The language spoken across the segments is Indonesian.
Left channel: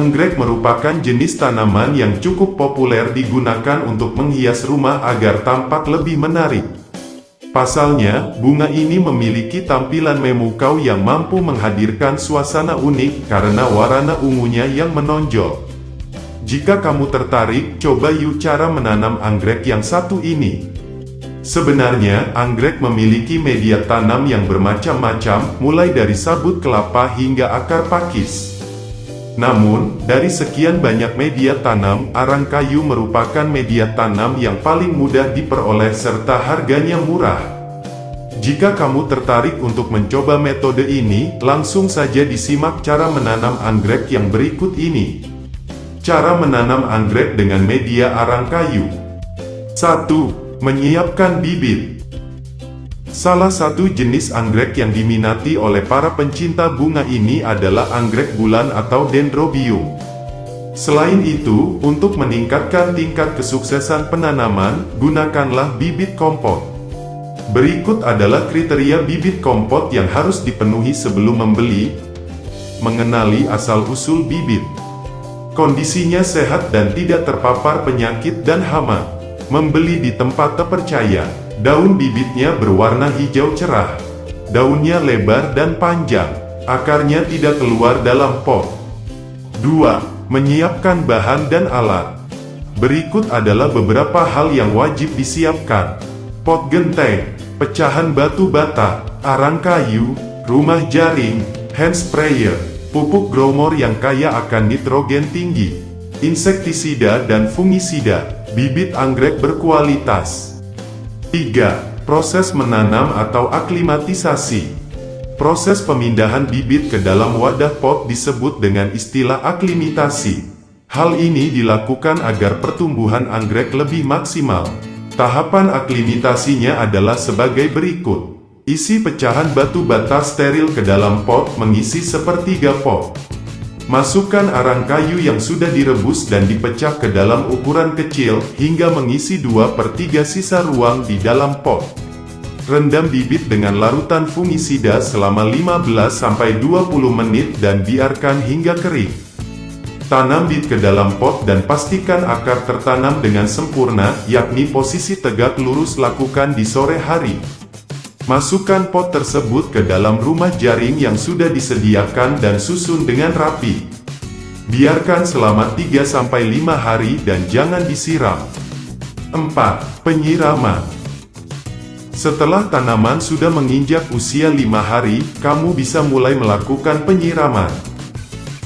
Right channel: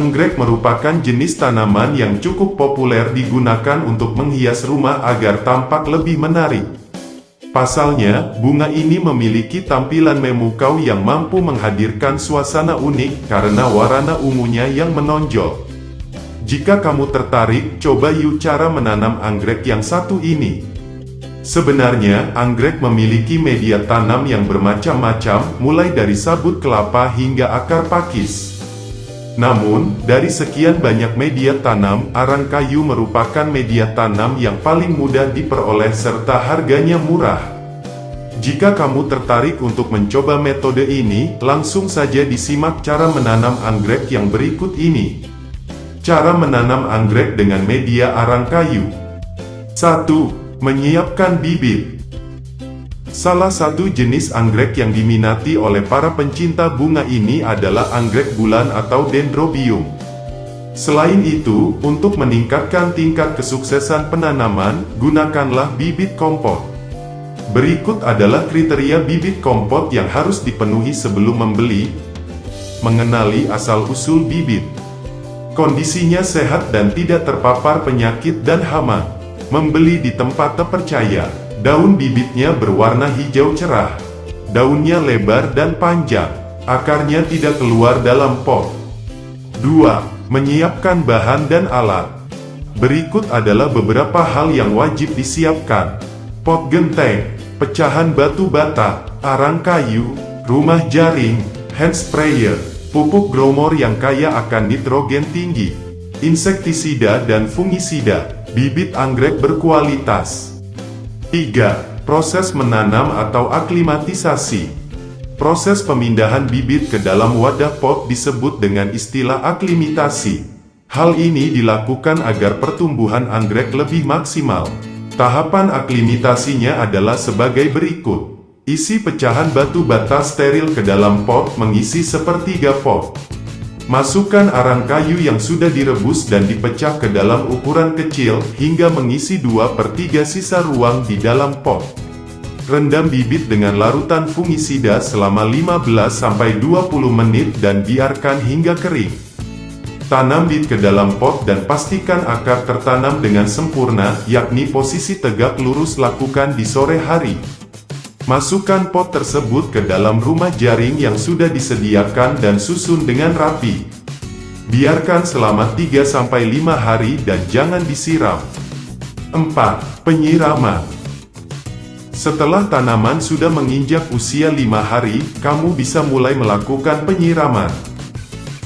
Anggrek merupakan jenis tanaman yang cukup populer digunakan untuk menghias rumah agar tampak lebih menarik. Pasalnya, bunga ini memiliki tampilan memukau yang mampu menghadirkan suasana unik karena warna ungunya yang menonjol. Jika kamu tertarik, coba yuk cara menanam anggrek yang satu ini. Sebenarnya, anggrek memiliki media tanam yang bermacam-macam, mulai dari sabut kelapa hingga akar pakis. Namun, dari sekian banyak media tanam, arang kayu merupakan media tanam yang paling mudah diperoleh serta harganya murah. Jika kamu tertarik untuk mencoba metode ini, langsung saja disimak cara menanam anggrek yang berikut ini. Cara menanam anggrek dengan media arang kayu. 1. Menyiapkan bibit. Salah satu jenis anggrek yang diminati oleh para pencinta bunga ini adalah anggrek bulan atau Dendrobium. Selain itu, untuk meningkatkan tingkat kesuksesan penanaman, gunakanlah bibit kompot. Berikut adalah kriteria bibit kompot yang harus dipenuhi sebelum membeli. Mengenali asal-usul bibit. Kondisinya sehat dan tidak terpapar penyakit dan hama. Membeli di tempat terpercaya. Daun bibitnya berwarna hijau cerah. Daunnya lebar dan panjang. Akarnya tidak keluar dalam pot. 2. Menyiapkan bahan dan alat. Berikut adalah beberapa hal yang wajib disiapkan. Pot genteng, pecahan batu bata, arang kayu, rumah jaring, hand sprayer, pupuk growmor yang kaya akan nitrogen tinggi, insektisida dan fungisida, bibit anggrek berkualitas. 3. Proses menanam atau aklimatisasi. Proses pemindahan bibit ke dalam wadah pot disebut dengan istilah aklimatasi. Hal ini dilakukan agar pertumbuhan anggrek lebih maksimal. Tahapan aklimatasinya adalah sebagai berikut. Isi pecahan batu bata steril ke dalam pot mengisi sepertiga pot. Masukkan arang kayu yang sudah direbus dan dipecah ke dalam ukuran kecil, hingga mengisi 2/3 sisa ruang di dalam pot. Rendam bibit dengan larutan fungisida selama 15-20 menit dan biarkan hingga kering. Tanam bibit ke dalam pot dan pastikan akar tertanam dengan sempurna, yakni posisi tegak lurus lakukan di sore hari. Masukkan pot tersebut ke dalam rumah jaring yang sudah disediakan dan susun dengan rapi. Biarkan selama 3-5 hari dan jangan disiram. 4. Penyiraman. Setelah tanaman sudah menginjak usia 5 hari, kamu bisa mulai melakukan penyiraman.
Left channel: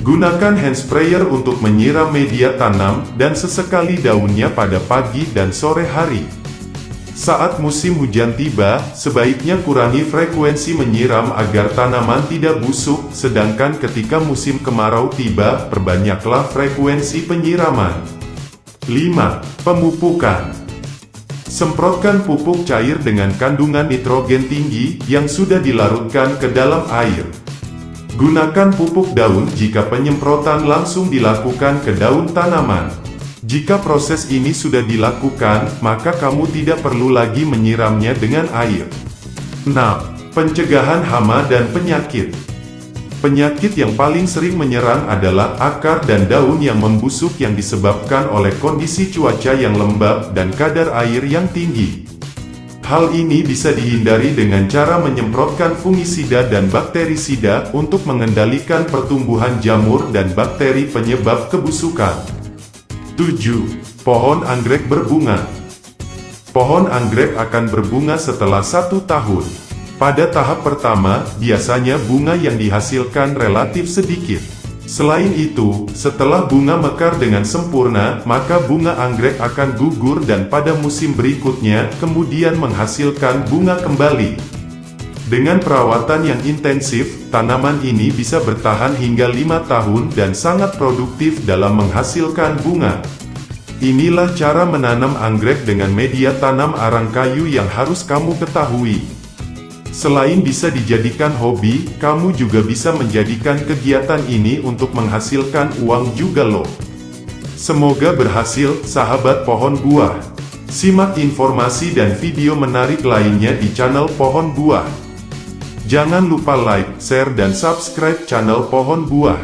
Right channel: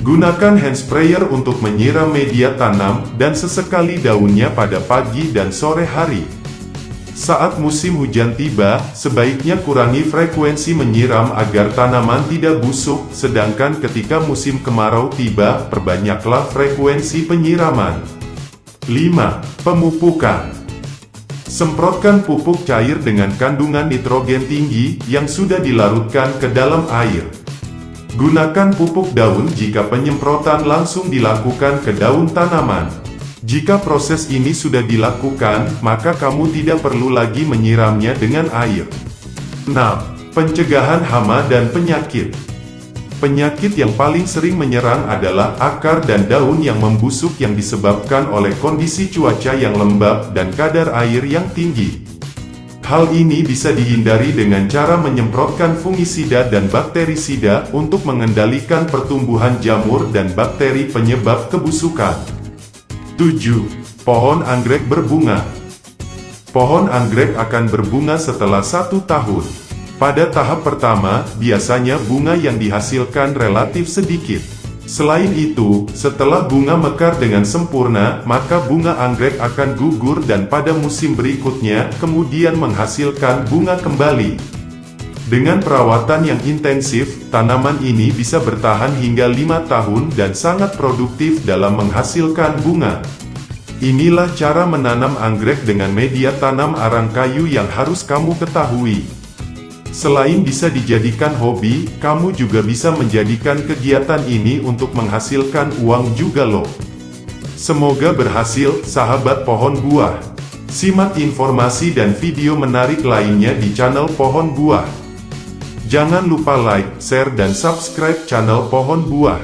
Gunakan hand sprayer untuk menyiram media tanam, dan sesekali daunnya pada pagi dan sore hari. Saat musim hujan tiba, sebaiknya kurangi frekuensi menyiram agar tanaman tidak busuk, sedangkan ketika musim kemarau tiba, perbanyaklah frekuensi penyiraman. 5. Pemupukan. Semprotkan pupuk cair dengan kandungan nitrogen tinggi, yang sudah dilarutkan ke dalam air. Gunakan pupuk daun jika penyemprotan langsung dilakukan ke daun tanaman. Jika proses ini sudah dilakukan, maka kamu tidak perlu lagi menyiramnya dengan air. 6. Pencegahan hama dan penyakit. Penyakit yang paling sering menyerang adalah akar dan daun yang membusuk yang disebabkan oleh kondisi cuaca yang lembab dan kadar air yang tinggi. Hal ini bisa dihindari dengan cara menyemprotkan fungisida dan bakterisida untuk mengendalikan pertumbuhan jamur dan bakteri penyebab kebusukan. 7. Pohon anggrek berbunga. Pohon anggrek akan berbunga setelah 1 tahun. Pada tahap pertama, biasanya bunga yang dihasilkan relatif sedikit. Selain itu, setelah bunga mekar dengan sempurna, maka bunga anggrek akan gugur dan pada musim berikutnya, kemudian menghasilkan bunga kembali. Dengan perawatan yang intensif, tanaman ini bisa bertahan hingga 5 tahun dan sangat produktif dalam menghasilkan bunga. Inilah cara menanam anggrek dengan media tanam arang kayu yang harus kamu ketahui. Selain bisa dijadikan hobi, kamu juga bisa menjadikan kegiatan ini untuk menghasilkan uang juga loh. Semoga berhasil, sahabat pohon buah. Simak informasi dan video menarik lainnya di channel Pohon Buah. Jangan lupa like, share dan subscribe channel Pohon Buah.